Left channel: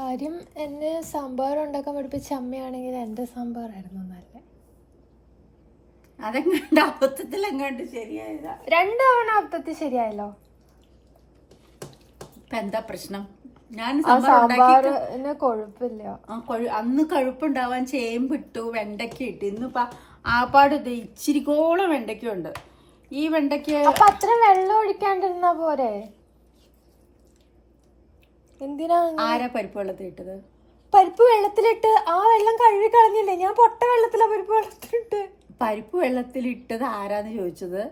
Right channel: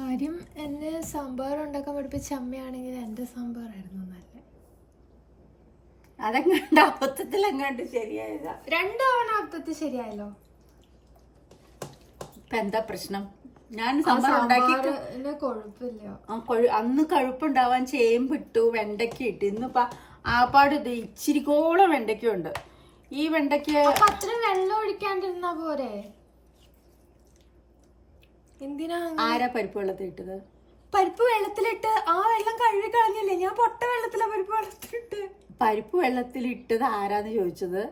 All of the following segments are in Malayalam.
കാര്യം എന്നെ സാമ്പാർ ഉണ്ടാക്കാൻ പഠിപ്പിച്ച അമ്മയാണെങ്കിൽ എൻ്റെ സാമ്പാറായിരുന്നു നല്ല. അതെങ്ങാണ്ട് അബദ്ധത്തിലെങ്ങാണ്ട് ശരിയായതാ. 2 തവണ അബദ്ധത്തിൽ ശരിയായല്ലോ. ഇപ്പൊ എന്താ പ്രശ്നം? ഞാൻ സാമ്പാറിന് കൊഴുപ്പില്ല. അന്ന് കഴുപ്പുണ്ടാവാൻ ചേമ്പിട്ടു, വെണ്ടയ്ക്ക ഇട്ടു. ഇന്നിപ്പോ ആപ്പാട് ഇച്ചിരിക്കോളം വെണ്ടയ്ക്ക ഉണ്ട്. ഈ വെണ്ടയ്ക്ക അത്ര വെള്ളം ഒഴിക്കാണ്ടിരുന്ന പോരെ? എന്തിനാ ആരാ പരിപ്പ് വെള്ളത്തിൽ ഇട്ടത്? പരിപ്പ് വെള്ളത്തിലിട്ട് ആ വെള്ളം കഴുകി കളഞ്ഞില്ലേ? ഞാൻ പൊട്ട വെള്ളത്തിലാ പരിപ്പ് വെള്ളത്തിലിട്ട്. പരിപ്പ് വെള്ളത്തിലിട്ടത് ആരാന്ന് ചോദിച്ചത്,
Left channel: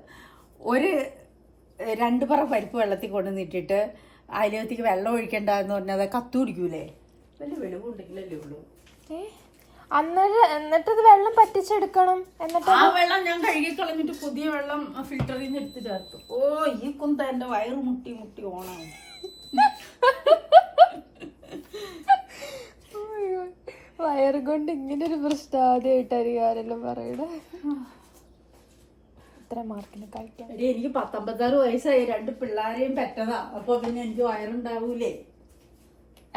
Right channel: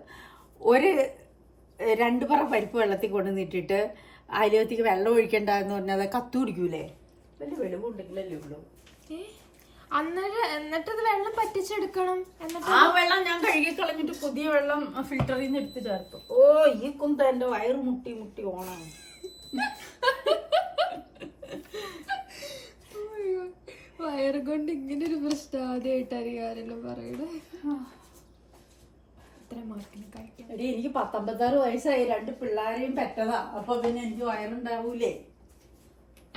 2 പറ പരിപ്പ് വെള്ളത്തിൽ കൊണ്ടുവന്നിട്ടിട്ട് അതിലേക്ക് വെള്ളം ഒഴിക്കണ്ടെന്ന് പറഞ്ഞാൽ അത് കത്തു കുടിക്കൂലേ? വലിയ വെളിവുണ്ടെങ്കിലല്ലേ ഉള്ളൂ. എന്നിട്ടത് വെള്ളം പറ്റിച്ചെടുക്കണം. എന്നിട്ട് ആ വെള്ളം ഞാൻ കഴുകി കളഞ്ഞിട്ട് പുതിയ വെള്ളം ഫിൽറ്ററിൽ നിന്ന് എടുത്ത് ചേർത്തു. ഓ, ഈ കുന്ത എന്റെ വയറ് മുട്ടി മുട്ടി ഓണാണ്. വയറ് കൊണ്ട് ഇങ്ങനെ ഒരു പ്രശ്നം ആദ്യമായിട്ടായിരിക്കും ആരെല്ലാം പറയണേ. ഇത്ര മാർക്കിന് കഴിക്കാൻ എനിക്ക് 19 വയസ്സായി, 2 പിള്ളേരെയും പെറ്റതാ. അപ്പൊ പിന്നെ എനിക്ക് വയറുണ്ടാവൂലേ?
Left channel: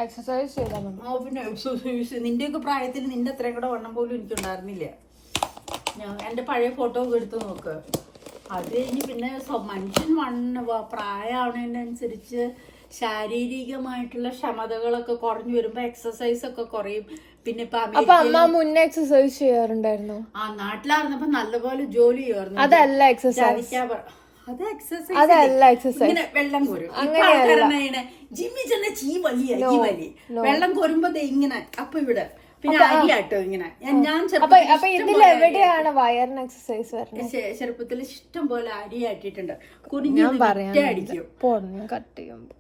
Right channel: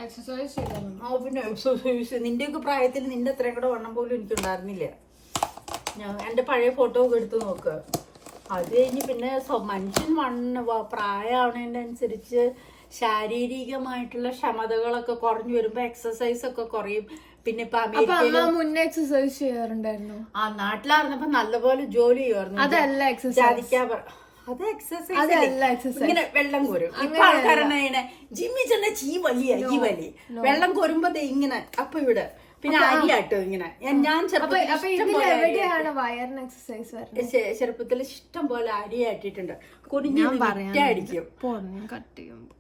എക്സസൈസ് ചെയ്താൽ മതി. പിന്നെ എക്സസൈസ് നിന്റെയൊക്കെ പ്രായത്തിൽ നിന്റെ അത്രയും കൂടെ വണ്ണം പോലും എനിക്കുണ്ടായിരുന്നില്ല. ഞാൻ എൻ്റെ പഴയ ഫോട്ടോ ഒക്കെ എടുത്ത് നോക്ക്. അത് കഴിഞ്ഞ് പിന്നെ മനുഷ്യൻ പ്രായമാവുന്നതിനനുസരിച്ച് ശാരീരികമായിട്ടുള്ള ക്ഷമതകളൊക്കെ കുറഞ്ഞു വരുമ്പോ എക്സസൈസ് ഒക്കെ കുറയും. പിന്നെ ഇപ്പൊ മുന്നേ എക്സസൈസ് ചെയ്യാറുണ്ടായിരുന്നു. ആ നാട്ടിലായിരുന്നപ്പോ നല്ലപോലെ ജോലി ചെയ്യുമായിരുന്നു. അതല്ല എക്സസൈസ്. അത് എക്സസൈസ്. ഇങ്ങനെ വെള്ളം കോരും. ഇപ്പൊ ആൾക്കാരെന്നെ ജിമ്മി ചെന്ന ഈ വലി വെള്ളം കോരുമ്പോ ഇങ്ങനെ അപ്പൊ ഇവിടെ പിന്നെ അരിയാട്ടോ ഇങ്ങനെ. ഞാൻ ചെറുപ്പത്തിൽ ഇഷ്ടം പോലെ അരി ആട്ടിട്ടുണ്ട്. കുനിഞ്ഞടിക്കും. കട്ട് ചെയ്യുമ്പോ